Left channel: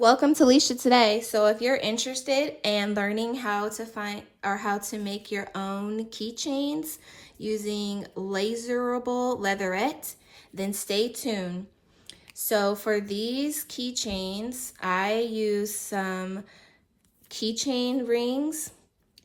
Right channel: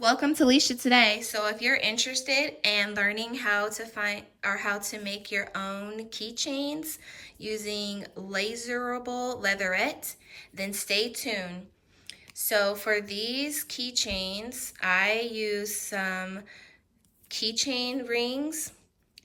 Welcome to LiciaToday. So if you're interested in learning how to find or how to make your own keychains using laserable leatherette, then stay tuned. So for these keychains, I use some keychain rings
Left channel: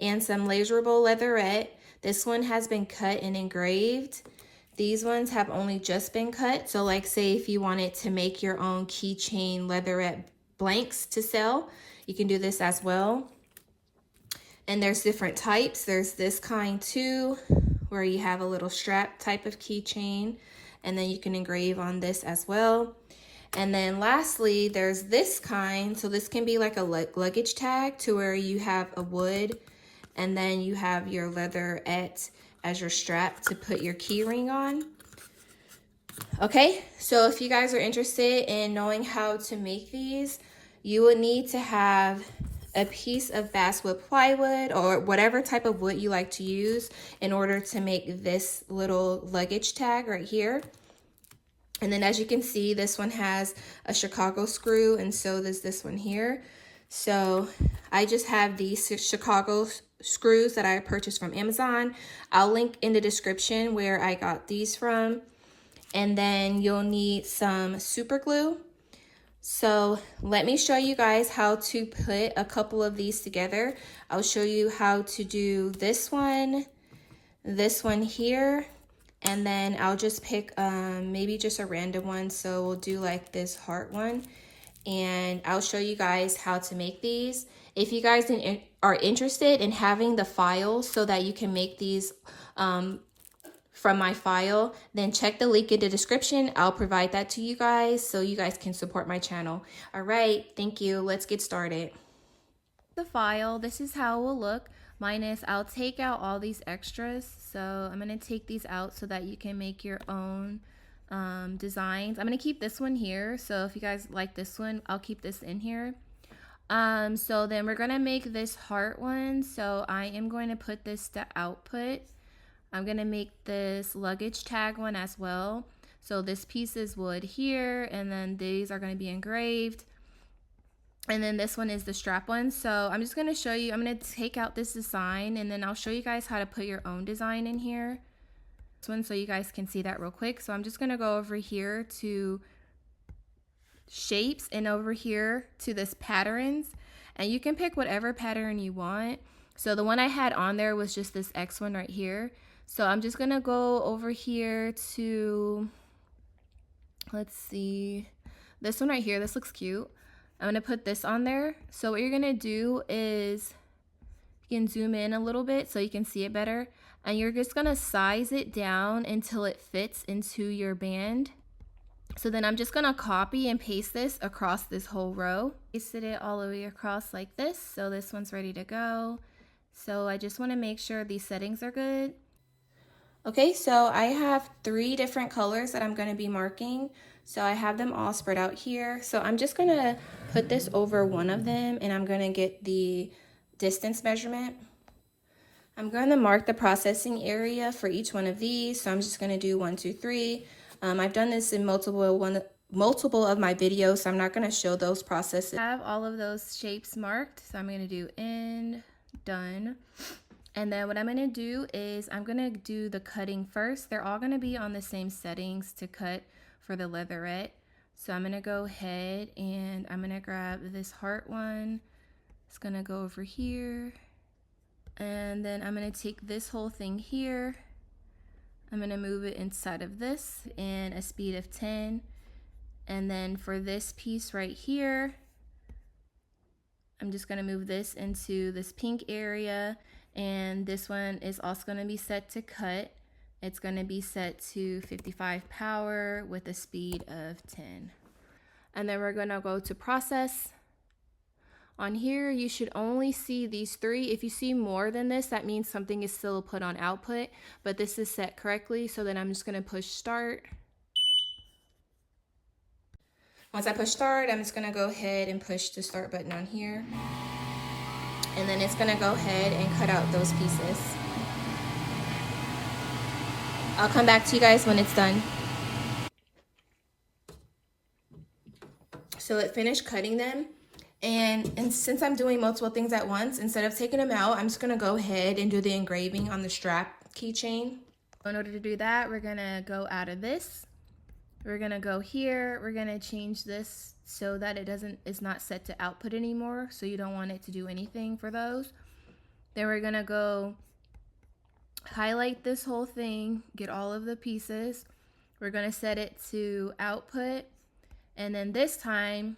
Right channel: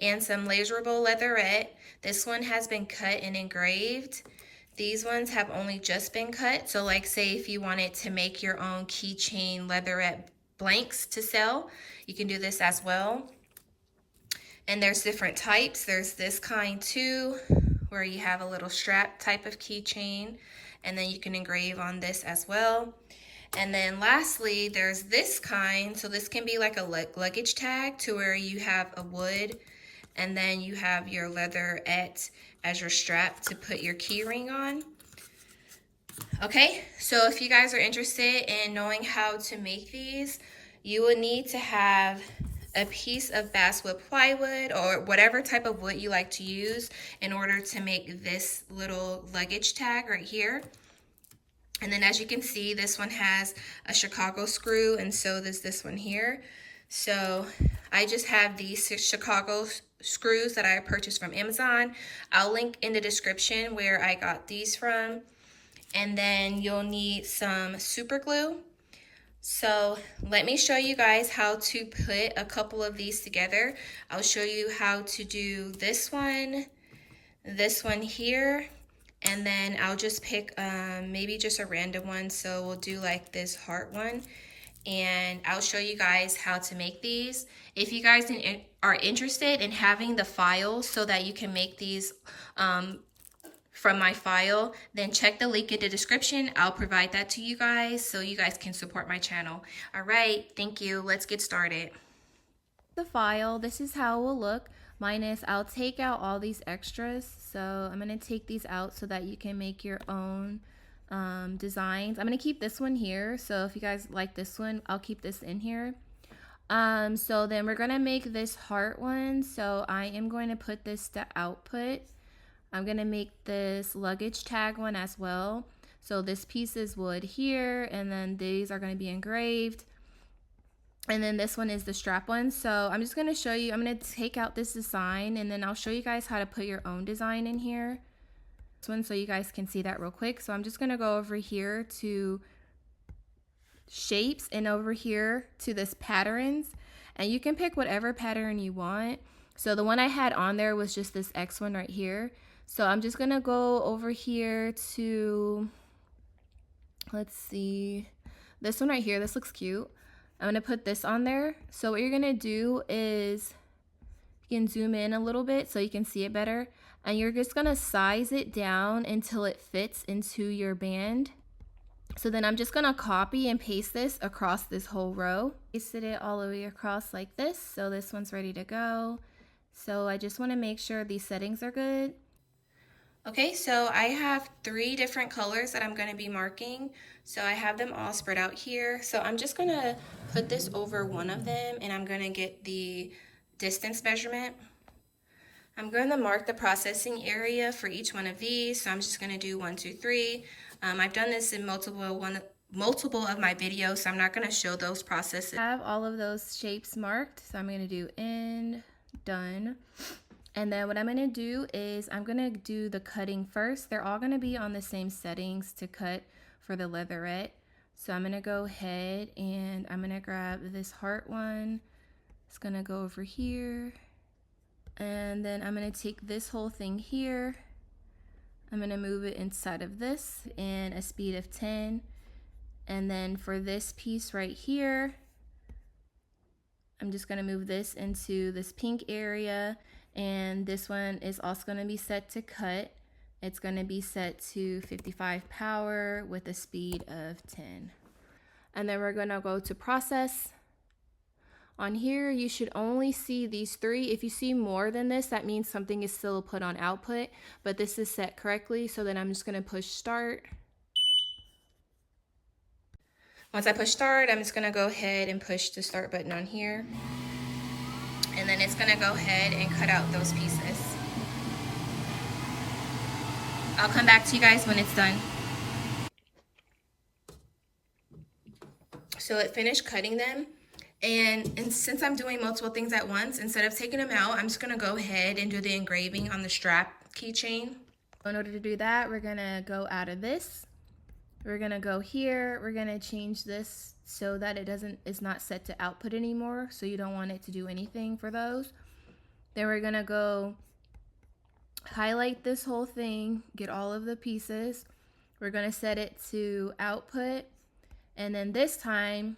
and some laserable leatherette. This one has been cut and engraved. These ones have only just been cut. So like say if you wanted to make your own keychain leatherette blanks to sell, you can do this as well. And there's different types. There's this kind too, where you have a little strap type of keychain, and then you can engrave on this as well. And then lastly, there's this kind. So this can be like a luggage tag to where you have a wood and then you have your leatherette as your strap to put your key ring on. Okay, so if you guys are interested in knowing how to make these, you will need to have a piece of basswood plywood or whatever type of wood you like to use in order to make this little luggage tag right here. And then as you can see, this one has a Chicago screw, and so does this one here. So I just have these Chicago screws that I purchased from Amazon. I'll link in the description where I got these from. And then you'll need some super glue. So let me show you guys how to put a couple of these together. I'll show you how to do this one here, and then I'll just pick maybe just a random one. So we'll do like this heart one, and I'll show you guys how to make these. If you guys are interested in having the files so that you can make these from my file, then check the link in the description. I'll provide that to you guys so you guys can support my channel. All right, thank you. Let's get started. The file, this is how it will look. Minus, I'll take out all these extras. So I'm gonna take these out so that you can make your own designs. I'm gonna keep this one here. So if you guys like this one, I'll keep this in here. So then we're gonna make this heart one. So I am going to put this to output. I'm gonna make this luggage tag one as well. So this piece is wood here, and then these are gonna be engraved. And then this one is the strap one. So I'm just gonna show you, I'm gonna take out this design, and then I'll show you guys how to put your own design in here. This one, so you guys can see that real quick. So I'm just gonna go over here to shapes and over here to this patterns, and you can pick whatever pattern you want. So the one I had on there was just this X one right here. So I'm just gonna go over here to, let's see, this one right here. This looks cute. I'm gonna put this on there. So what you're gonna do is you can zoom in a little bit so you can see it better, and you're just gonna size it down until it fits into your band. So then I'm just gonna copy and paste this across this whole row. Pasted it all the way across like this. So this one's ready to go. So I just wanna make sure these settings are good. Okay, so I have 3 different colors that I'm gonna be marking. So I have them all spread out here. So I'm just gonna put this over one of them, and I'm gonna get the distance measurement. I'm gonna mark the processing area for each one of these. So I'm just gonna do 1, 2, 3. I've done this in multiple of my videos, so I'm not gonna show those processes. I have all of those shapes marked, so I'm gonna do end, done. And then what I'm gonna do is I'm gonna do the cutting first. They're all gonna be on the same settings to cut for the leatherette. So I'm gonna go ahead and I'm gonna grab this heart one. It's gonna go over here. And then I'm gonna take this whole thing here. I'm gonna move it inside of this in a speed of 10. And then for this piece right here, I'm just gonna move this into this pink area. And this one is also going to be set to cut. It's going to be set to 55 power with a speed of 10. And then we're going to go to process. On here, you should only see these 3. If you see more than this, that means something is still put on output, but this is set correctly. So then I'm just going to push start. Once I push start, I'm just going to go ahead and push the start button on here. And then it's gonna go ahead and cut out those pieces. I'll come back to you guys when it's done. So it finished cutting them, And since I'm doing multiple things at once, instead of taking them out, I'm just gonna go ahead and do the engraving on the strap keychain. In order to do that, we're gonna go out of this. We're gonna go here, we're gonna change this so that it's not set to output anymore, so you don't want it to do anything for those. Then we're gonna go highlight this whole thing, get all of the pieces. We're gonna set it to output, and then this time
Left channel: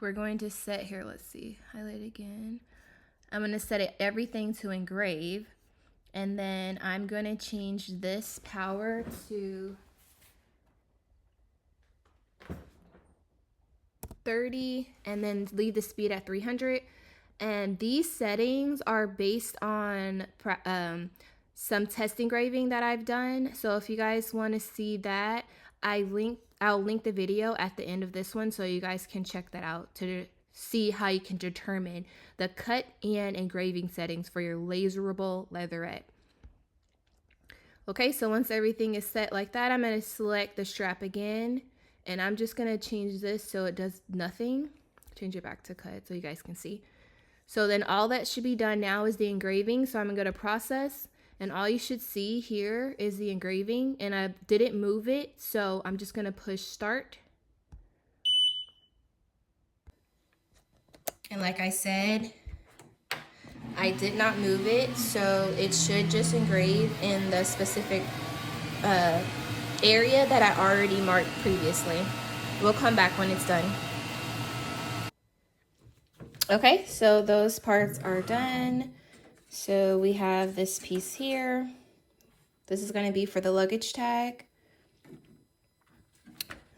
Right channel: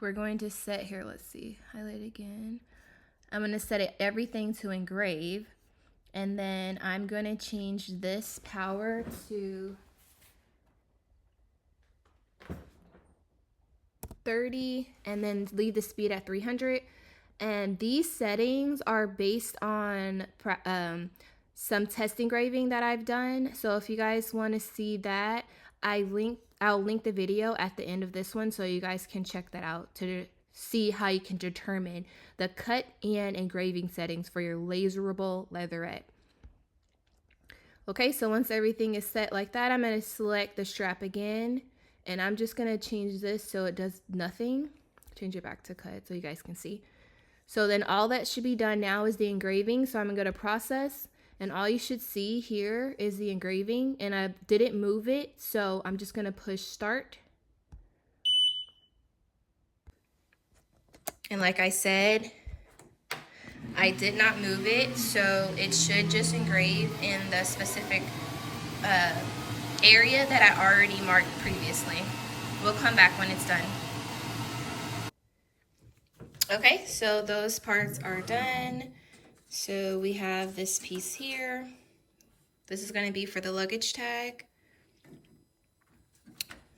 we're going to set here, let's see, highlight again. I'm gonna set everything to engrave, and then I'm gonna change this power to 30 and then leave the speed at 300. And these settings are based on some test engraving that I've done. So if you guys want to see that, I'll link the video at the end of this one so you guys can check that out to see how you can determine the cut and engraving settings for your laserable leatherette. Okay, so once everything is set like that, I'm going to select the strap again, and I'm just going to change this so it does nothing. Change it back to cut so you guys can see. So then all that should be done now is the engraving. So I'm going to go to process, and all you should see here is the engraving, and I didn't move it, so I'm just going to push start. And like I said, I did not move it, so it should just engrave in the specific area that I already marked previously. We'll come back when it's done. Okay, so those parts are done. So we have this piece here. This is going to be for the luggage tag.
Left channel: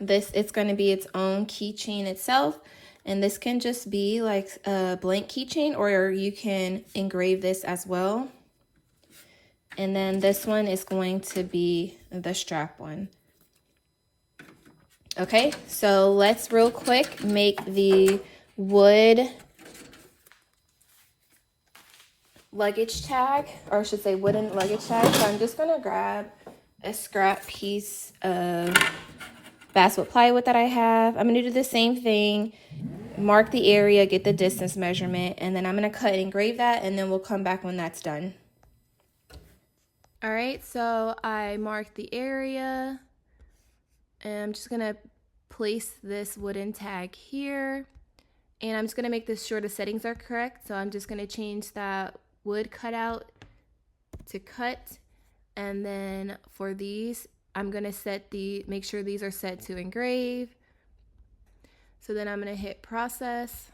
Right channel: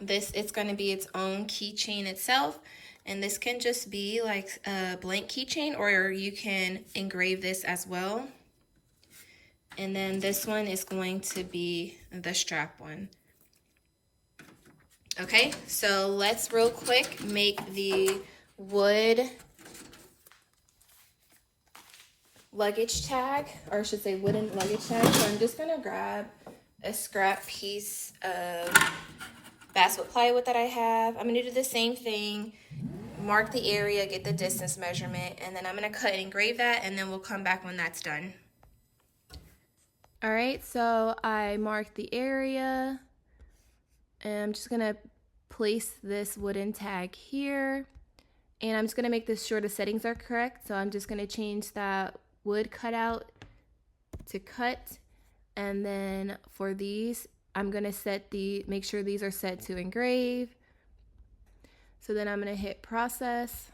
It's going to be its own keychain itself. And this can just be like a blank keychain, or you can engrave this as well. And then this one is going to be the strap one. Okay, so let's real quick make the wood luggage tag, or I should say wooden luggage tag. So I'm just gonna grab a scrap piece of basswood plywood that I have. I'm gonna do the same thing, mark the area, get the distance measurement, and then I'm gonna cut and engrave that, and then we'll come back when that's done. All right, so I marked the area, and I'm just gonna place this wooden tag here, and I'm just gonna make this sure the settings are correct. So I'm just gonna change that wood cutout to cut, and then for these, I'm gonna make sure these are set to engrave. So then I'm gonna hit process.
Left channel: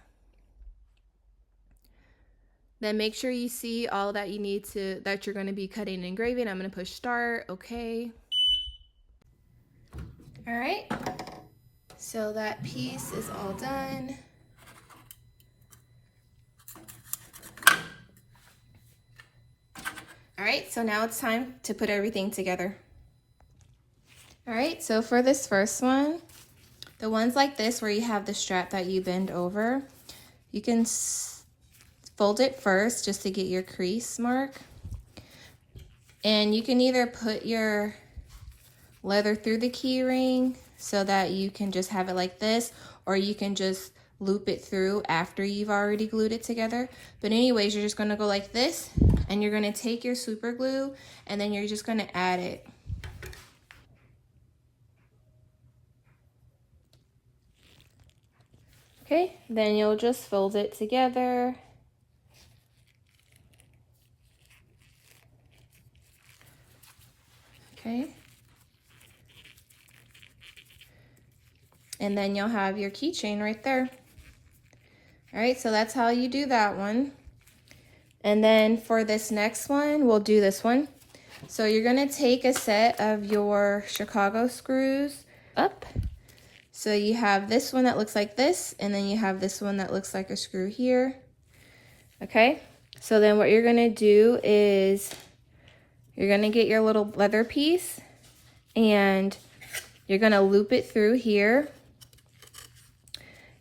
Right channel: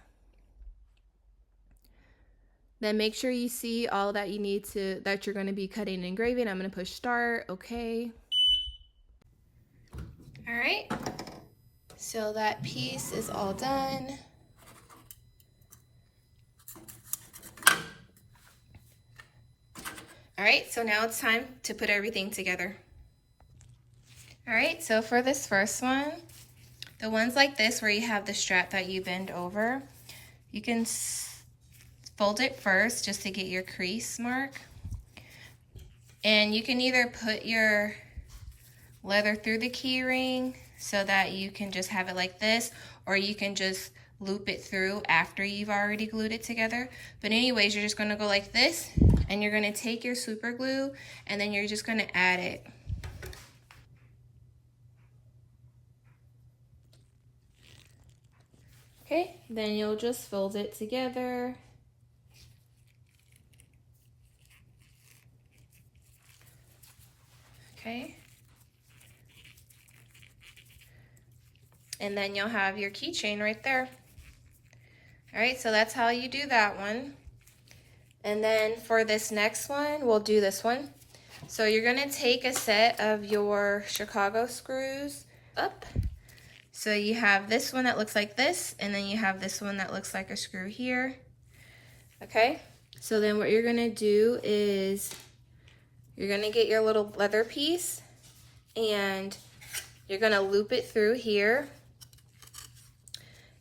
Then make sure you see all that you need that you're gonna be cutting and engraving. I'm gonna push start, okay. All right, so that piece is all done. All right, so now it's time to put everything together. All right, so for this first one, the ones like this where you have the strap that you bend over, you can fold it first just to get your crease mark. And you can either put your leather through the key ring so that you can just have it like this, or you can just loop it through after you've already glued it together. But anyways, you're just gonna go like this, and you're gonna take your super glue, and then you're just gonna add it. Okay, then you'll just fold it together. Okay. And then you'll have your keychain right there. All right, so that's how you do that one. And then for this next one, we'll do this one. So you're gonna take a set of your Chicago screws up. So you have this one that looks like this, and then you have this one that looks like a screw here. Okay, so then what you're gonna do is you're gonna get your little leather piece, and you're gonna loop it through here,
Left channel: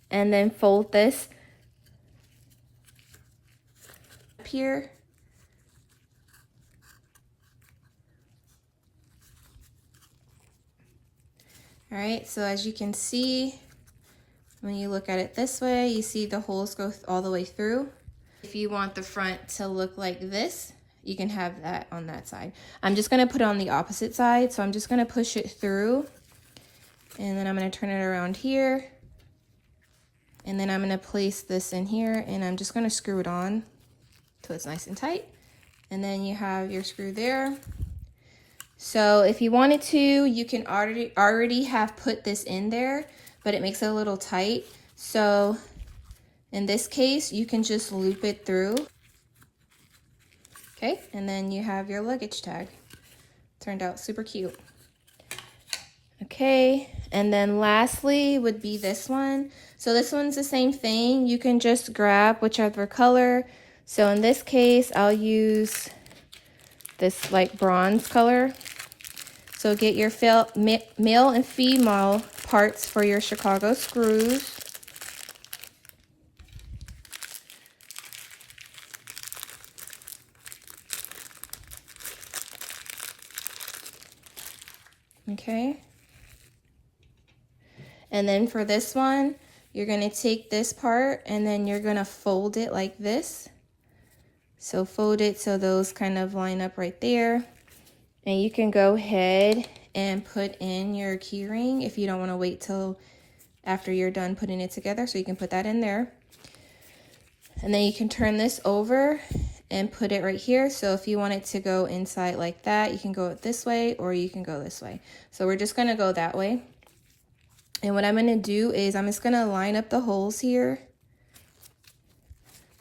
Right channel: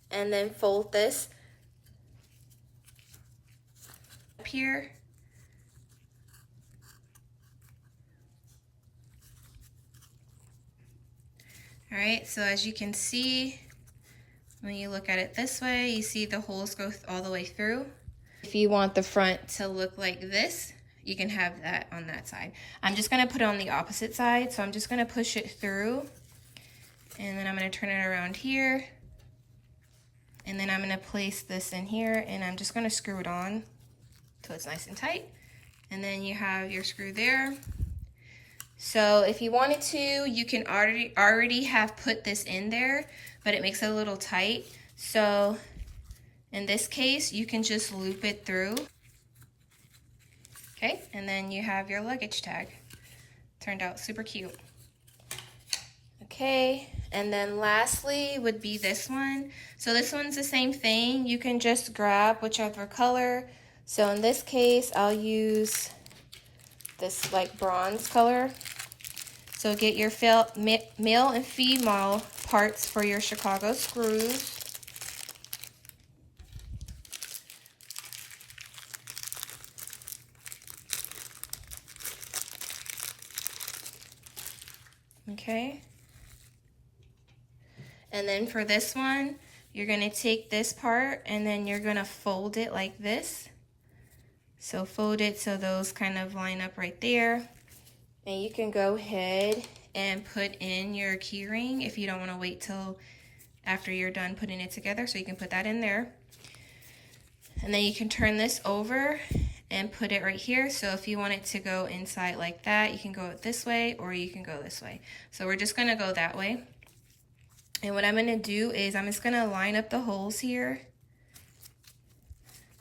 and then fold this up here. All right, so as you can see, When you look at it this way, you see the holes go all the way through. If you want the front to look like this, you can have that on that side. I'm just gonna put it on the opposite side, so I'm just gonna push it through, and then I'm gonna turn it around here, and then I'm gonna place this in here, and I'm just gonna screw it on so it's nice and tight. And then you have your screw there. So if you wanted to, you can already have put this in there, but it makes it a little tight. So in this case, you can just loop it through. Okay, and then you have your luggage tag. Turned out super cute. Okay, and then lastly would be this one. So this one's the same thing. You can just grab whichever color. So in this case, I'll use this like bronze color. So get your male and female parts for your Chicago screws. Okay. And then for this one, you're gonna take this part and then you're gonna fold it like this. So fold it so those kind of line up right there. And you can go ahead and put in your key ring if you don't wanna wait till after you're done putting it together. So you can put that in there. And then you can turn this over and put it right here. So if you want it to go inside like that, you can go this way or you can go this way. So we're just gonna go that way. And what I'm gonna do is I'm just gonna line up the holes here.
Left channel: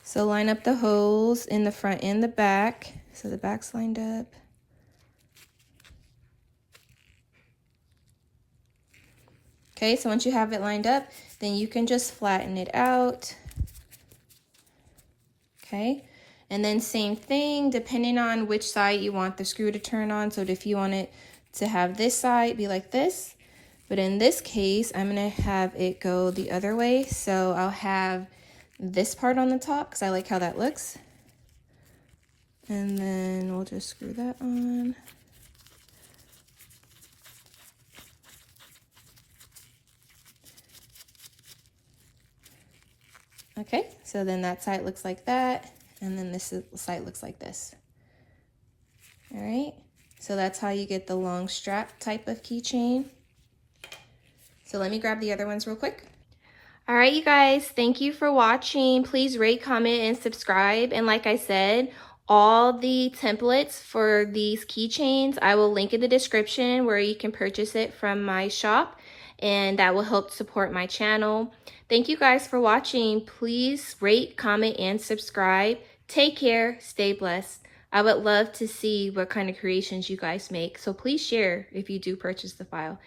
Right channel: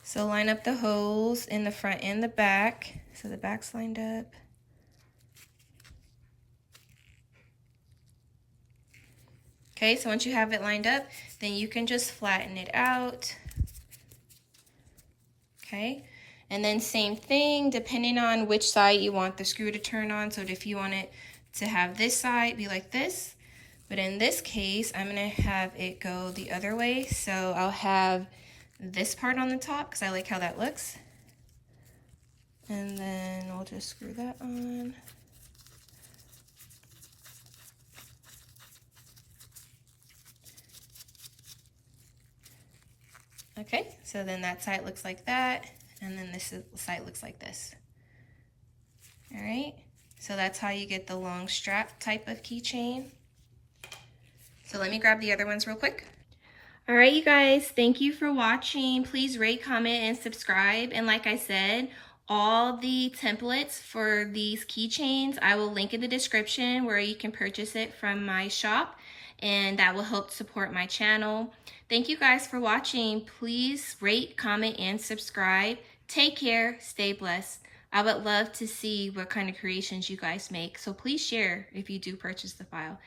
So line up the holes in the front and the back. So the back's lined up. Okay, so once you have it lined up, then you can just flatten it out. Okay, and then same thing, depending on which side you want the screw to turn on. So if you want it to have this side be like this, but in this case, I'm gonna have it go the other way. So I'll have this part on the top because I like how that looks. And then we'll just screw that on. Okay, so then that side looks like that, and then this side looks like this. All right, so that's how you get the long strap type of keychain. So let me grab the other ones real quick. All right, you guys, thank you for watching. Please rate, comment, and subscribe. And like I said, all the templates for these keychains, I will link in the description where you can purchase it from my shop, and that will help support my channel. Thank you guys for watching. Please rate, comment, and subscribe. Take care, stay blessed. I would love to see what kind of creations you guys make, so please share if you do purchase the file.